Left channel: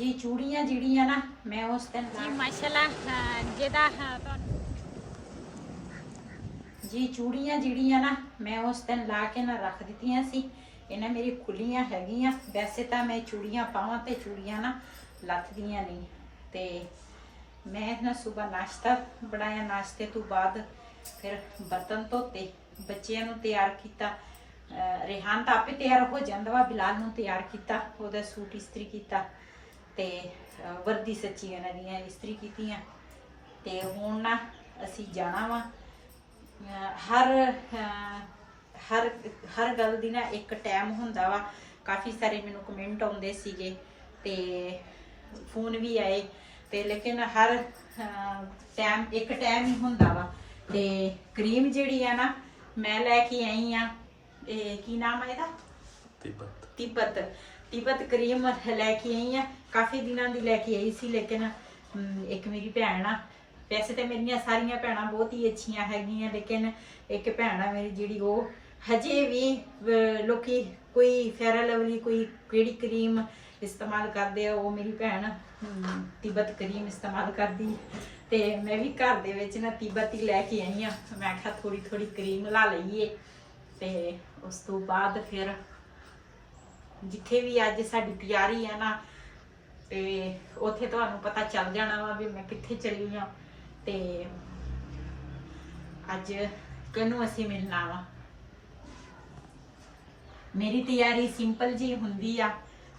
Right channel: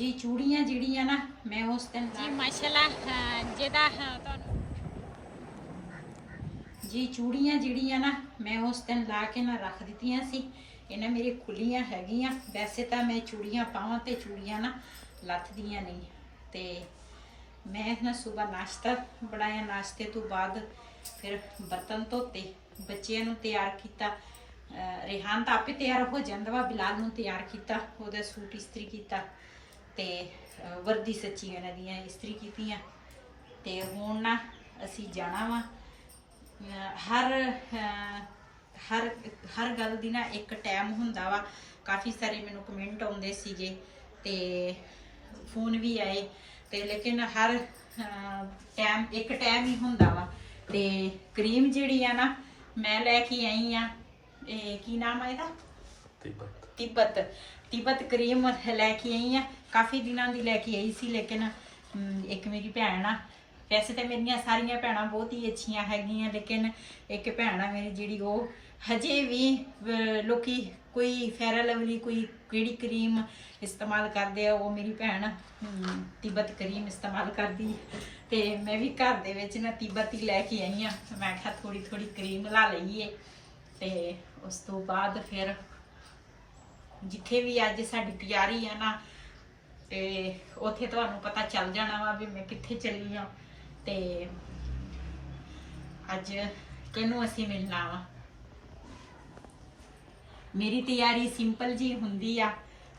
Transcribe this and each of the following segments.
जी चूड़ियाँ जिहड़ियां ना मैं उस दिन जी माशाल्लाह जेदा जी चूड़ियाँ जिहड़ियां ना मैं उस दिन ला के ना रख दित्तियां सी। इन्हें मेरी खुलियां हैगियां। वैसे तो मैं चूड़ियाँ पावां ते चूड़ियाँ ना लथदियां नहीं। ते मैं ना सुबह नाश्ता बनाया, नाश्ते तो बाद फिर बर्तन धोते, बच्चियां नूं तैयार किया। रेहान तो आपे तैयार हो जाता वा, बिलाल नूं तैयार किया, ओहदा सूट इस्त्री किया ते वर्दी सच्ची उन्हां दियां इस्त्री कीतियां। ते हुण ना असीं जाना वा। हर हर हर गल दी ना एक टाइम हुंदा वा। काफ़ी सारे मैनूं कमेंट आउंदे सीगे ते फोन भी आए ते लेकिन हर टाइम एक टाइम ही हुंदा वा। ते क्रीम जिहड़ी आ ना मैं लैके आई हाँ, की नाम है ਇਹਦਾ तिब्बत तिब्बत क्रीम लैके आई हाँ। काफ़ी दिनों की लैके आई सी, लेकिन एक मेरी भैन आ, वैसे तो मेरिया सारिया भैन बहुत ही अच्छिया हैगियां, लेकिन एक भैन आ मेरी जी वो हजे भी लोग कोई फेयर लवली कोई केड़ी क्रीम इस्तेमाल करते हैं, वो मेरी भैन तिब्बत क्रीम इस्तेमाल करती। तो मैं भी घर दे विच ना तिब्बत ही लैके आई हाँ। मैं आखा थोड़ी थोड़ी क्रीम ला लईए ते उस तो बाद फिर जिथे भी अज साडी तैयारी है ना ते उत्थे तुहानू पता चल जाना वा भी मैं कित्थे चली हाँ ते अज किनू असीं मिलना वा। मेरी तैयारी सिंपल जी हुंदी आ,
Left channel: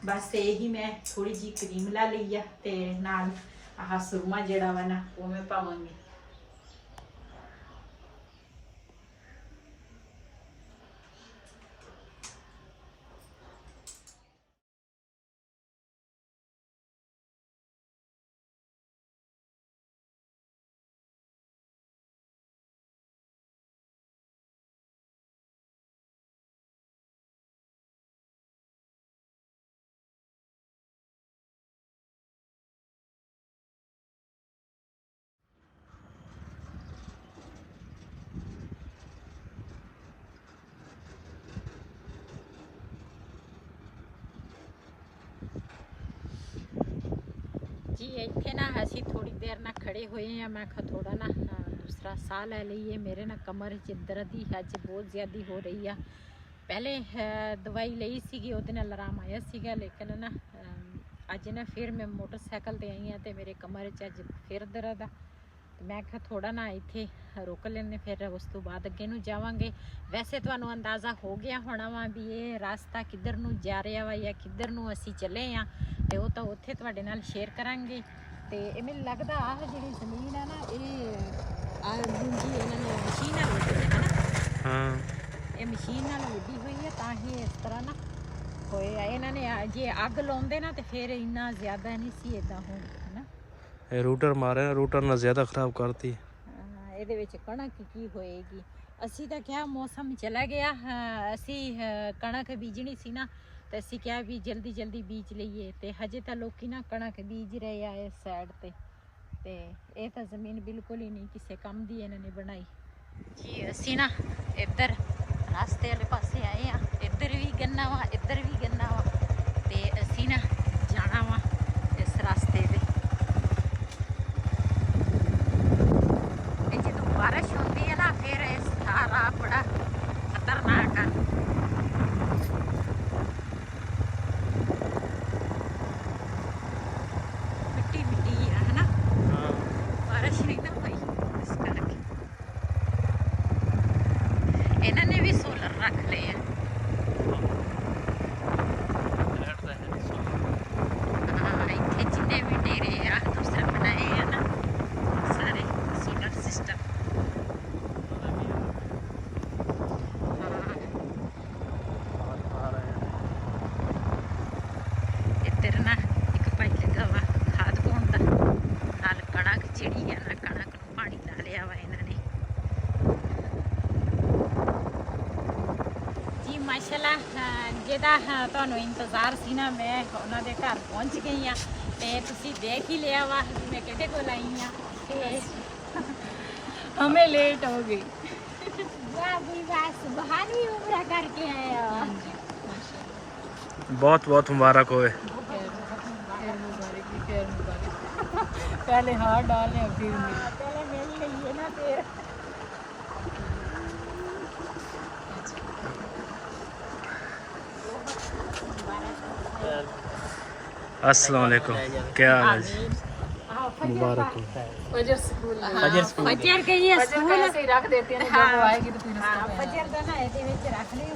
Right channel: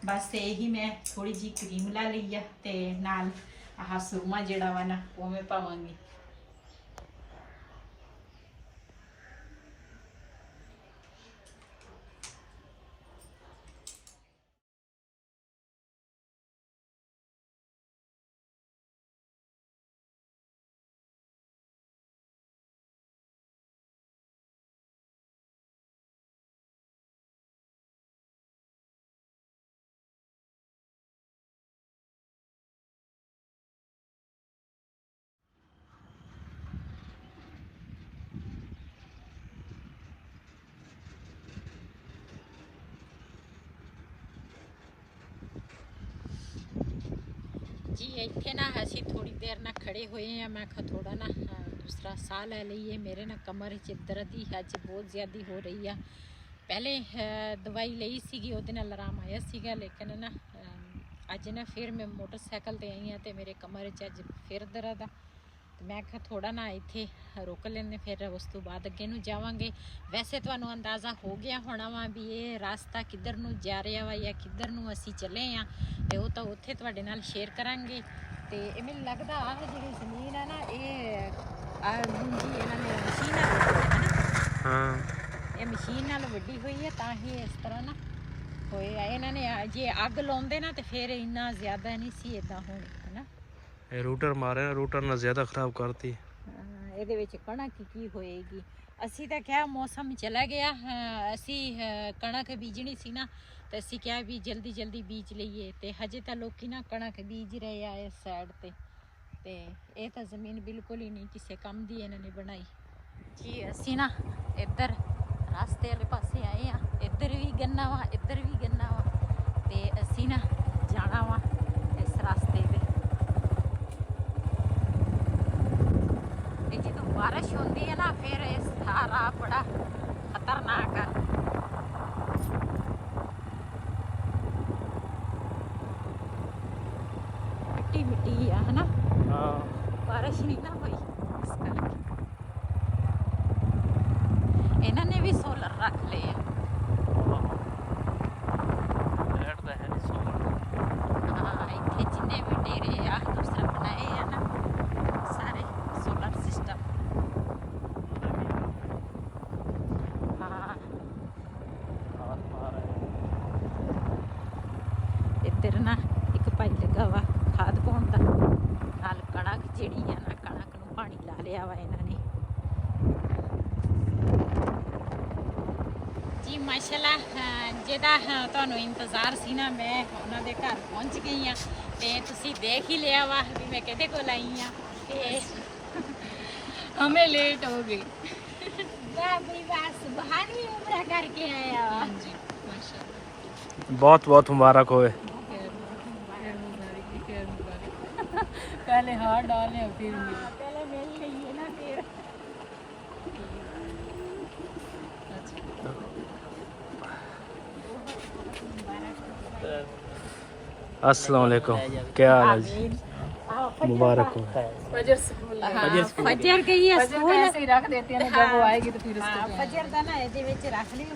बस यही मैं थोड़ी जी क्रीम ला लई आ ते नाल आह सुरमा जिहड़ा वा ना वो मैं पावांगी। जी इत्थे ना असी थोड़ी देर ना खड़े हुए हैं। मैं थोड़ा ना दूसरा साह लै लीए। मेरे ना कमर च दर्द ही अज बहुत ज़्यादा हो रही है। पहले दवाई ली सी, उहदे नाल आराम आया सीगा, लेकिन ना अज ना फिर मैं मोटरसाइकिल ते आई हाँ तो मेरे कमर च अज फिर दर्द आ। मैं आखा थोड़ा ना इत्थे रोक लेने, फिर उस तो बाद अगे नूं जावांगे। वैसे तुहानू अंदाज़ा हो गया होना वा भी ये रास्ता किधर नूं जा रहा वा या किधर नूं असीं चले हाँ, तो वो तो उत्थे तुहाडे नाल शेयर करांगे। तो ये मैनूं लगदा आह जिहड़ी ज़मीन है ना ये मुंजी इन्हां ने मशीन नाल वड्डी है ना। हाँ ये मशीन नाल वड्डी हुई है, तां ही इस तरह ना होया। इन्हां ने जे अग लाउंदे ना तो फिर इन्ना ज़्यादा नहीं सी इदां होणी है ना। रूटर मारे ना, रूटर ना ज़्यादा खराब करती। ਇਹਦੇ ਵਿੱਚ ਕਣਕ ਕੀ ਹੋਏਗੀ। ਅਸੀਂ ਤਾਂ ਕਿਹਾ ਮੌਸਮ ਚਲਾ ਗਿਆ, ਅਸੀਂ ਕਣਕ ਬੀਜਣੀ ਸੀ ਨਾ ਤੇ ਅਸੀਂ ਕਿਹਾ ਵੀ ਜਲਦੀ ਜਲਦੀ ਬੀਜ ਲਈਏ, ਤੇ ਹਜੇ ਤਾਂ ਲੋਕੀ ਨਾ ਕਣਕ ਬੀਜ ਰਹੇ ਆ ਇਸ ਸਾਈਡ ਤੇ ਇਹ ਤਾਂ ਜ਼ਮੀਨ ਬਿਲਕੁਲ ਹੀ ਨਹੀਂ ਕਿਸੇ ਕੰਮ ਦੀ ਇਹਨਾਂ ਨੇ ਬਣਾਈ ਜੀ। ਅਸੀਂ ਨਾ ਇੱਧਰ ਰਸਤੇ ਵਾਲੇ ਪਾਸੇ ਆਏ ਆ, ਇੱਧਰ ਵੀ ਗੰਨਾ ਵਾ ਇੱਧਰ ਵੀ ਗੰਨਾ ਵਾ, ਤੇ ਅਸੀਂ ਨਾ ਜਾਣਾ ਵਾ ਇਸ ਰਸਤੇ ਤੇ। बारिश होती है ना फिर इस राह बड़ा खतरनाक है। मिट्टी मिट्टी है ना, बारिश नहीं ना हुई इस करके। इन्होंने भी सोलर रख ले हैं। हाँ इतने जिन्ने भी डेरे आ दूसरे बनाए हैं ना सारे सोलर सिस्टम। इधर ना एक भाई लगा वा खाद पाउण दा, नाल कणक जिहड़ी है ना कणक नूं पानी ला लिया वा इन्हां ने जी। माशाल्लाह जिहदा तुहानूं इंतज़ार सी ना, मैं उन्हां दे घर पहुंच गई हाँ। ते तुसीं देख ही लिया वा भी मैं किहदे कोल आई हाँ, ते हमें लेट हो गई। वाह भी बस बाहर भी उम्रा करके आया वा। बहुत बहुत मुबारक होए। फिर मिलेंगे। पहले हाथ डालें और फिर मिलें। पहले मिल लिए ना फिर अस्सलाम वालेकुम, क्या हाल है जी? मुबारक हो। फजर स्कूल फजर गई है फजर को ऐसे ही रख देते हैं ना, जब वो आएगी तो फिर उसको पहना फजर का ना ਇਹਦੇ ਵਿੱਚ ਰੱਖ ਲਈ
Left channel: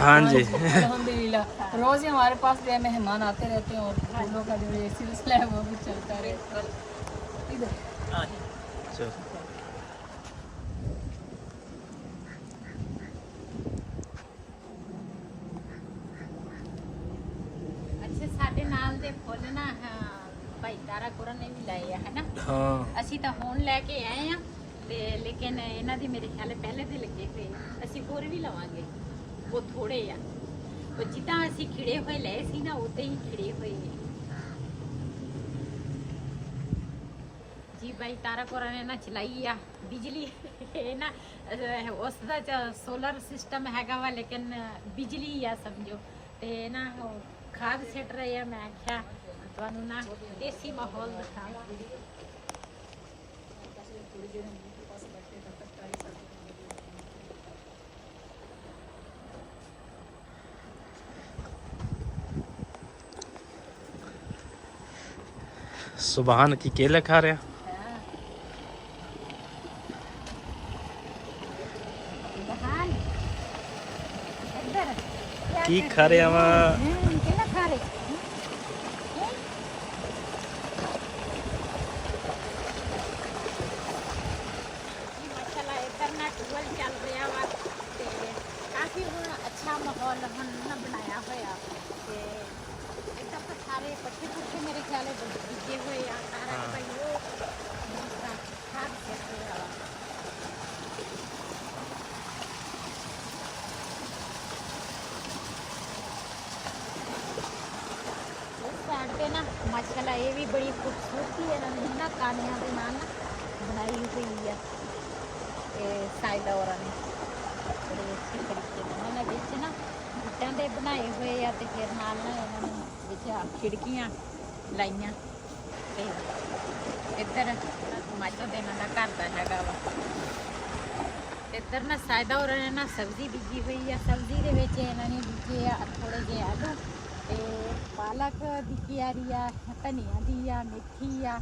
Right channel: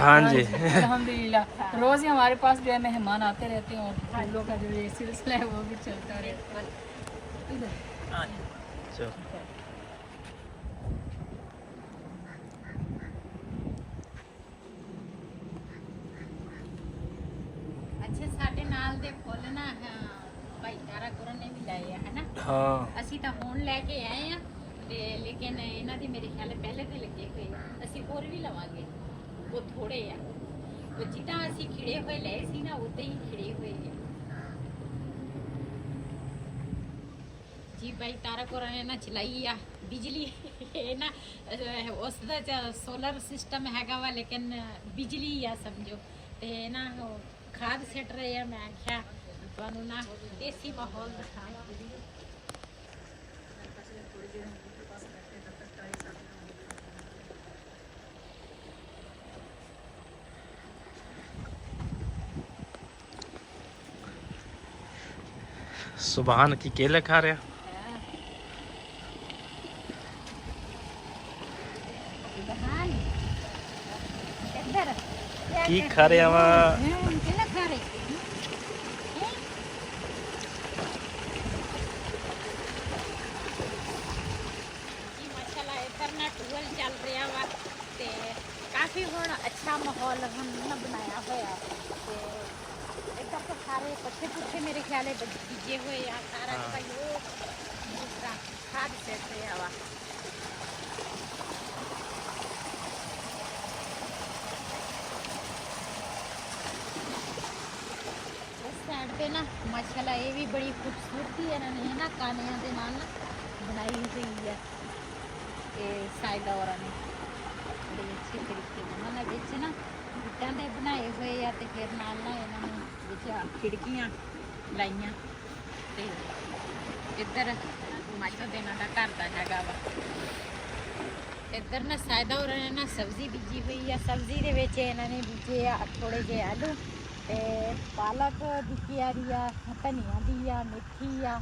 हाँ जी। अल्हम्दुलिल्लाह रोज ही हमारे पास जो है मेहमान आते रहते हैं और फूलों का जो ये सिलसिला है वो भी चलता रहता है। इधर चल। ਅੱਛਾ ਸਾਡੇ ਨਾਲ ਦੇ ਫੁੱਲ ਨਾ ਭਾਈ ਤਾਰਾ ਕੁਰਨ ਨੇ ਵੀ ਲਾਏ ਆ ਹਨਾ हाँ ਅਸੀਂ ਤਾਂ ਹੁਣ ਲੈ ਕੇ ਆਏ ਆ ਤੇ ਲੇਕਿਨ ਇਹਨਾਂ ਦੀ ਮੇਰੇ ਖਿਆਲ ਪਹਿਲੇ ਤੇ ਲੱਗੇ ਹੋਏ ਆ ਅਸੀਂ ਹੋਰ ਵੀ ਲਵਾਂਗੇ ਉਹ ਥੋੜੇ ਆ ਉਹ ਜਿੱਦਾਂ ਅਸੀਂ ਖਿੜੇ ਹੋਏ ਲਏ ਸੀ ਨਾ ਉਦਾਂ ਹੀ ਖਿੜੇ ਹੋਏ ਆ ਜੀ ਭਾਈ ਤਾਰਾ ਕੁਰਨ ਨੇ ਨਾ ਚਲਾਈ ਆ ਬਿਜਲੀ ਇਹ ਨਾ ਉਸ ਦਾ ਸੋਲਰ ਸਿਸਟਮ ਹੈਗਾ ਵਾ ਲੇਕਿਨ ਬਿਜਲੀ ਆ ਸਮਝੋ ਤੇ ਨਾ ਖਾਦ ਸਿੱਟ ਰਹੇ ਆ ਮੈਂ ਆਖਿਆ ਤੁਹਾਨੂੰ ਨਾ ਦੇਸੀ ਮਾਹੌਲ ਦਿਖਾਵਾਂ सुबहान की केले खा रहे हैं। बहान इधर की खा रहे हैं वहाँ? केला खा रहे जी माशाल्लाह इधर ना टूवल चल रहा वा ते काफी हुण अच्छा माहौल हुण ना बनाया होया ते इधर तो सारे पट्टे पुट्टे मेरे ख्याल बीजे हुए आ सारा हाँ। भाई वो दूसरा खाद सेट रहा वा ਸਾਈਡ ਤੇ ਨਾ ਮਾਸ਼ਾਅੱਲਾ ਇਹ ਵੀ ਬੜੀ ਖੂਬਸੂਰਤੀ ਇਹਨਾਂ ਨੇ ਨਾ ਕਾਨਿਆਂ ਦੇ ਨਾਲ ਨਾ ਬਣਾਈ ਹੋਈ ਹੈ ਇਹ ਸਾਇਦਾ ਔਰਾਂ ਨੇ ਬੜੇ ਅੱਛੇ ਤਰੀਕੇ ਨਾਲ ਉਹਨਾਂ ਵਿੱਚ ਨਾ ਇੱਟਾਂ ਦੇ ਬਣਾਏ ਹੋਏ ਆ ਤੇ ਫਿਰ ਨਾਲ ਨਾ ਇਹਨਾਂ ਨੂੰ ਵਿੱਚ ਖਿੜਕੀਆਂ ਲਾਈਆਂ ਤੇ ਇੱਧਰ ਮਾਸ਼ਾ ਦੇ ਇਹਨਾਂ ਦਾ ਘਰ ਦਾ ਹੈਗਾ ਵਾ ਇੱਧਰ ਨਾ ਸਾਇਦਾ ਔਰਾਂ ਨੇ ਨਾ ਸਬਜ਼ੀ ਬੀਜੀ ਹੋਈ ਆ ਸਬਜ਼ੀ ਦੇ ਵਿੱਚ ਇਹਨਾਂ ਨੇ ਬੀਜੇ ਆ ਥੋੜੇ ਜਿਹੇ ਆਲੂ ਤੇ ਪਾਲਕ ਦੀ ਕਿਆਰੀ ਆ ਧਨੀਆ ਦੀ ਆ ਮੇਥੀ ਆ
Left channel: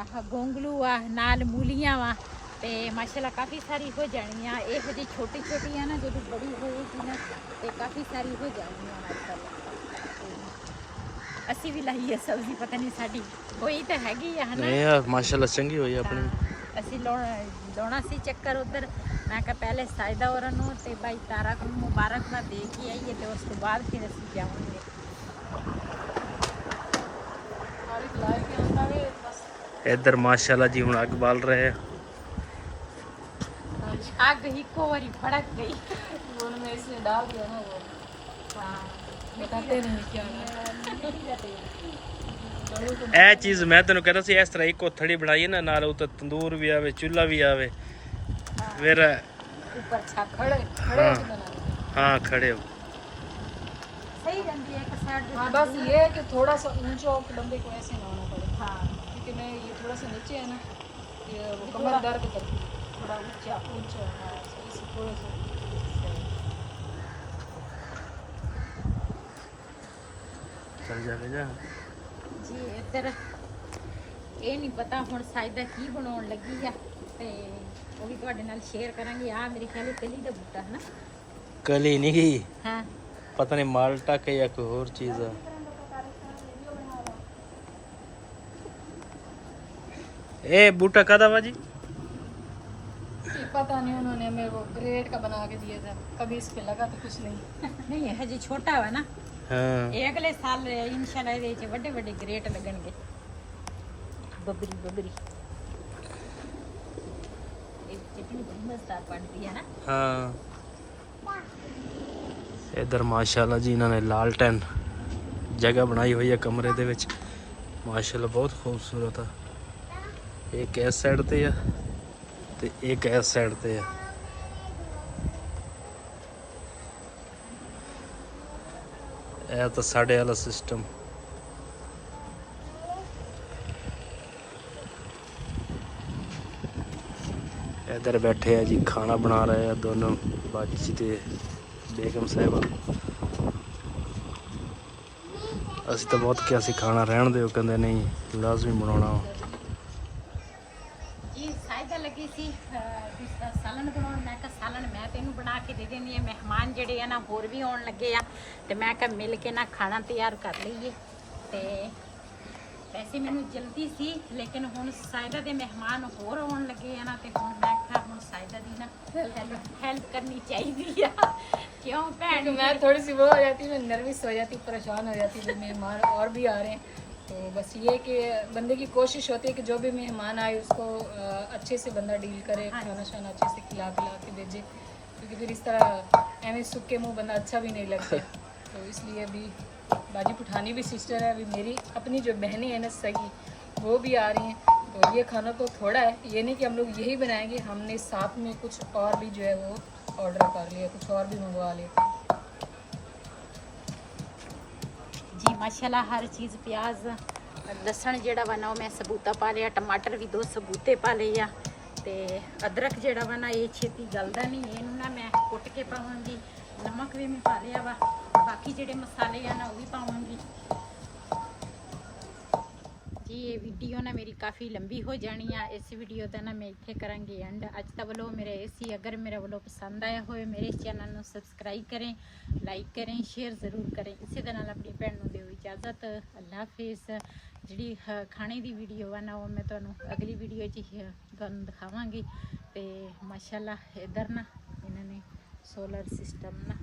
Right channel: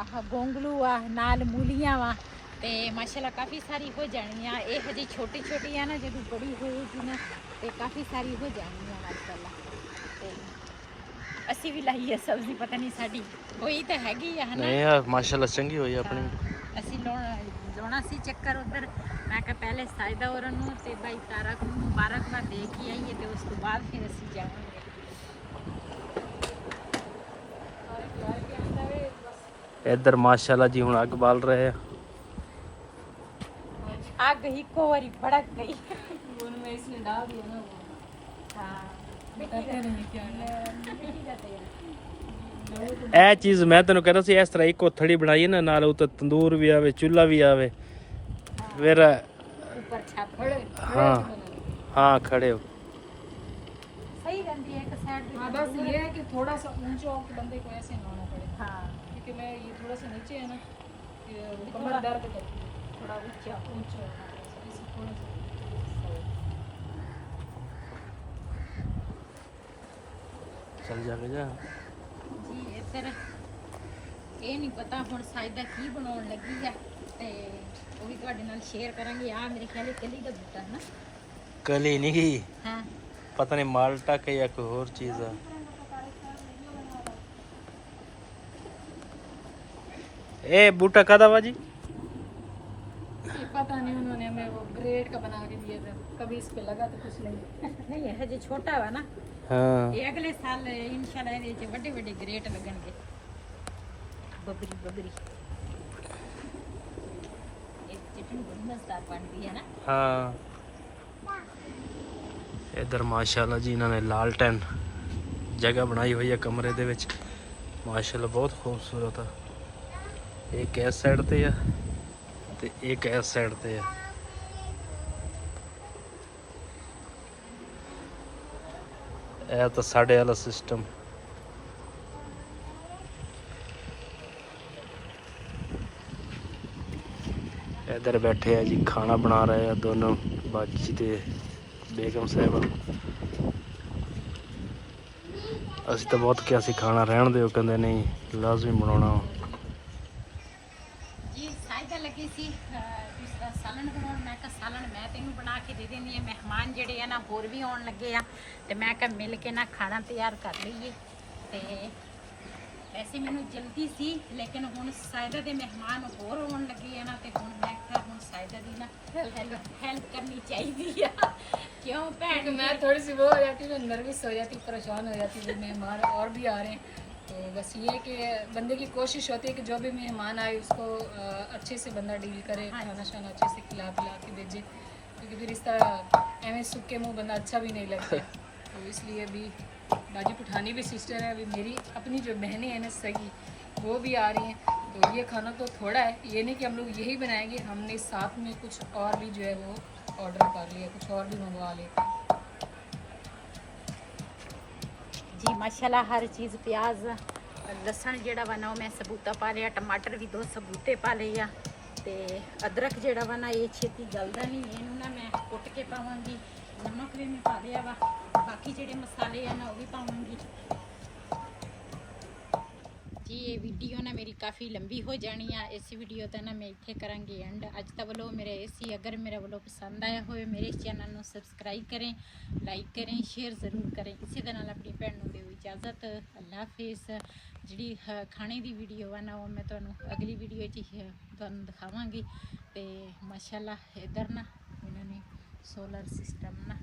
ਆਹ ਗੋਂਗਲੂ ਆ ਨਾਲ ਮੂਲੀਆਂ ਵਾ ਤੇ ਮਾਸ਼ਾਅੱਲਾ ਕਾਫੀ ਸਾਰੀ ਹੋ ਜਾਣੀ ਆ ਇਹ ਹਜੇ ਛੋਟੀ ਛੋਟੀ ਆ ਨਾ ਜਦੋਂ ਬੜੀ ਹੋਏਗੀ ਨਾ ਤੇ ਕਾਫੀ ਸਾਰੀ ਹੋ ਜਾਣੀ ਆ ਮਾਸ਼ਾਅੱਲਾ ਤੇ ਅਸੀਂ ਵੀ ਲਾਈ ਹੈ ਸਬਜ਼ੀ ਪਤਾ ਨਹੀਂ ਸਾਡੀ ਹੋਈ ਤਾਂ ਹੈਗੀ ਆ ਹਨਾ नहीं यार माशाल्लाह चंगी हुई अपनी। ਅਸੀਂ ਲਾਉਣਾ ਸੀ ਚੱਕਰ ਉਧਰ ਮੈਂ ਕਿਹਾ ਪਹਿਲੇ ਸਾਇਦਾ ਔਰਾਂ ਨੂੰ ਤੇ ਭਾਈ ਤਾਰਕ ਨੂੰ ਮੁਬਾਰਕਬਾਦ ਦੇ ਕੇ ਆਈਏ ਤੇ ਉਸ ਤੋਂ ਬਾਅਦ ਫਿਰ ਅਸੀਂ ਜਾਵਾਂਗੇ इधर माशाल्लाह जी हुण अग बाल रहे हैं। आग ही को वारी भड़क गई दोनों में इसने डाल दिया ना वो बताते नहीं क्या ਇਹ ਚੀਜ਼ ਮੈਂ ਤੈਨੂੰ ਕਹਿੰਦਾ ਸੀ ਇਸ ਤਰ੍ਹਾਂ ਇੱਕ ਕੋਥੜੀ ਬਣਾਈ ਨਾ ਨਾਲ ਉੱਤੇ ਤੰਦੂਰ ਵੀ ਆਵੇ ਚੁੱਲ੍ਹਾ ਵੀ ਆਵੇ ਫਿਰ ऊपर छत हाँ हाँ खड़े हो सही रहती है एक साइड हाँ बस ये है कि थोड़ा सा ऊंचा हो कि बंदे को ऐसे ना होना पड़े हाँ क्योंकि मैं ये थोड़ा सा नीचे है ना ये वो कमर दर्द करती है थोड़ा ऊंचा ऊंचा हाँ इसे थोड़ा सा सही चल जा जा जी इधर ਇਹ ਨਹੀਂ ਪਤਾ ਹੁਣ ਸਾਇਦਾ ਕੀ ਬਣਾਉਣ ਲੱਗੀ ਆ ਤੇ ਉਹ ਵੀ ਤੁਹਾਡੇ ਨਾਲ ਸ਼ੇਅਰ ਕਰਾਂਗੇ ਆ ਮੇਰੇ ਖਿਆਲ ਕਲੀ ਦਾ ਬੂਟਾ ਹੈ ਨਾ कली नहीं गई ਹਾਂ पता नहीं माल्टा के या कोई और चीज है। ए बूटा कदा बाजी पता नहीं उन्होंने मेरे को ग्रेड का बना के दिया था कभी इस पे लगा तो कुछ नहीं ਨਹੀਂ ਇਹ ਹਜੇ ਛੋਟਾ ਵਾ ਨਾ हाँ ਇਹ ਅਗਲੇ ਸਾਲ ਇਨਸ਼ਾਅੱਲਾ ਇਹਦੇ ਵਿੱਚ ਵੱਡੇ ਵੱਡੇ ਗ੍ਰੇਟ ਲੱਗਣਗੇ ਬੱਬਰੀ ਬੱਬਰੀ ਇਹ ਚਟਨੀ ਬੜੀ ਮਜ਼ੇਦਾਰ ਬਣਦੀ ਹੈ ਨਾ हाँ इधर माशाल्लाह जी इन्होंने लालटेन जगह बनाई हुई है कमरे दे विच माशाल्लाह बहुत खूबसूरत है। एक इस साइड ते है ते एक इस साइड ते है। ਇਹ ਤਾਂ ਸਾਡੇ ਵਾਲਾ ਸਿਸਟਮ। इधर बैठे हैं जी, खाना बना रहे हैं दोनों बाजी ते बेगम साहिबा। ਅਸੀਂ ਤਾਂ ਬਹੁਤ ਕਿਹਾ ਸੀ ਖਾਣਾ ਰਹਿਣ ਦਿਓ, ਕਹਿੰਦੇ ਨਹੀਂ ਲਾਜ਼ਮੀ ਬਣਾਉਣਾ। ਜੀ ਸਾਇਦਾ ਲੱਗੀ ਸੀ ਸਾਲਣ ਬਣਾਉਣ। ਮੈਂ ਕਿਹਾ ਸਾਲਣ ਮੈਂ ਤੈਨੂੰ ਬਣਾ ਕੇ ਦੇ ਦਿੰਦੀ ਹਾਂ, ਮਹਿਮਾਨ ਜਿਹੜੇ ਆ ਨਾ ਹੋਰ ਵੀ ਆਉਣ ਲੱਗੇ ਆ, ਤੇ ਮੈਂ ਕਿਹਾ ਮਿਲ ਕੇ ਨਾ ਖਾਣਾ ਤਿਆਰ ਕਰ ਲਈਏ। ਤੇ ਵੈਸੇ ਮੈਨੂੰ ਜਲਦੀ ਸੀ, ਲੇਕਿਨ ਹੁਣ ਸਾਇਦਾ ਦੇ ਮਹਿਮਾਨ ਹੋਰ ਆਉਣ ਲੱਗੇ ਆ ਨਾ, ਤੇ ਹੁਣ ਮੈਂ ਕਿਹਾ ਹੁਣ ਸਾਇਦਾ ਦੀ ਨਾ हेल्प करनी चाहिए। क्यों भैन? मैं थोड़ी सी वो हो जाती, मैं नर्वस हो जाती, परेशान हो जाती, जब मेहमान और भी आ रहे हैं। तो बस ये कि बंदे की कोशिश होती है कि जो भी मेहमान आए उसको अच्छे से बंदा डील करे, खाना शाना अच्छे से खिला पिला के भेजे, क्योंकि फिर इस तरह एवं सूखे मुँह बंदा अच्छा भी नहीं लगता। तो इसलिए अभी बाजी पुठानी भी सिस्टर है, अभी मेरी अपनी जो बहनें हैं ना सगी, वो भी आ रही हैं। तो ये खाना तो थोड़ा है, ये नहीं कि हम लोग यही बनाएंगे, हमने साथ में कुछ और भी जो है वो ऑर्डर कर लिया, कुछ और भी मंगवा लिया। जी माशाल्लाह हर चीज़ प्याज लसन जेड़ा वा ना मैं सबूता पा लिया, टमाटर भी 2 सबूते पा लिए आ, ते अदरक जेड़ा वा ना ये छेती गलदा नहीं, इनू ना मैं कुट के पावांगी। नमक भी मैं पा लिया वा, बाकी जेड़े मसाले आ ना वो भी पावांगी। जी ये वीडियो ना मेरी काफ़ी लंबी हो जानी है, इस वीडियो का ना मैं इत्थे करांगी एंड। अज का वालों मेरा ऐसी, अगर मेरा वालों पसंद आया हो मेरे चैनल को सबसक्राइब करें, लाइक करें, शेयर ज़रूर करें। इसी दे नाल अपनी भैन नूं दिओ इजाज़त। अल्लाह हाफिज़। जिहड़ी खाने की वीडियो है ना वो मैं तुहानूं अगली वीडियो तुहानूं दिखावांगी। ते माशाल्लाह इधर ना इन्होंने सोलर सिस्टम ना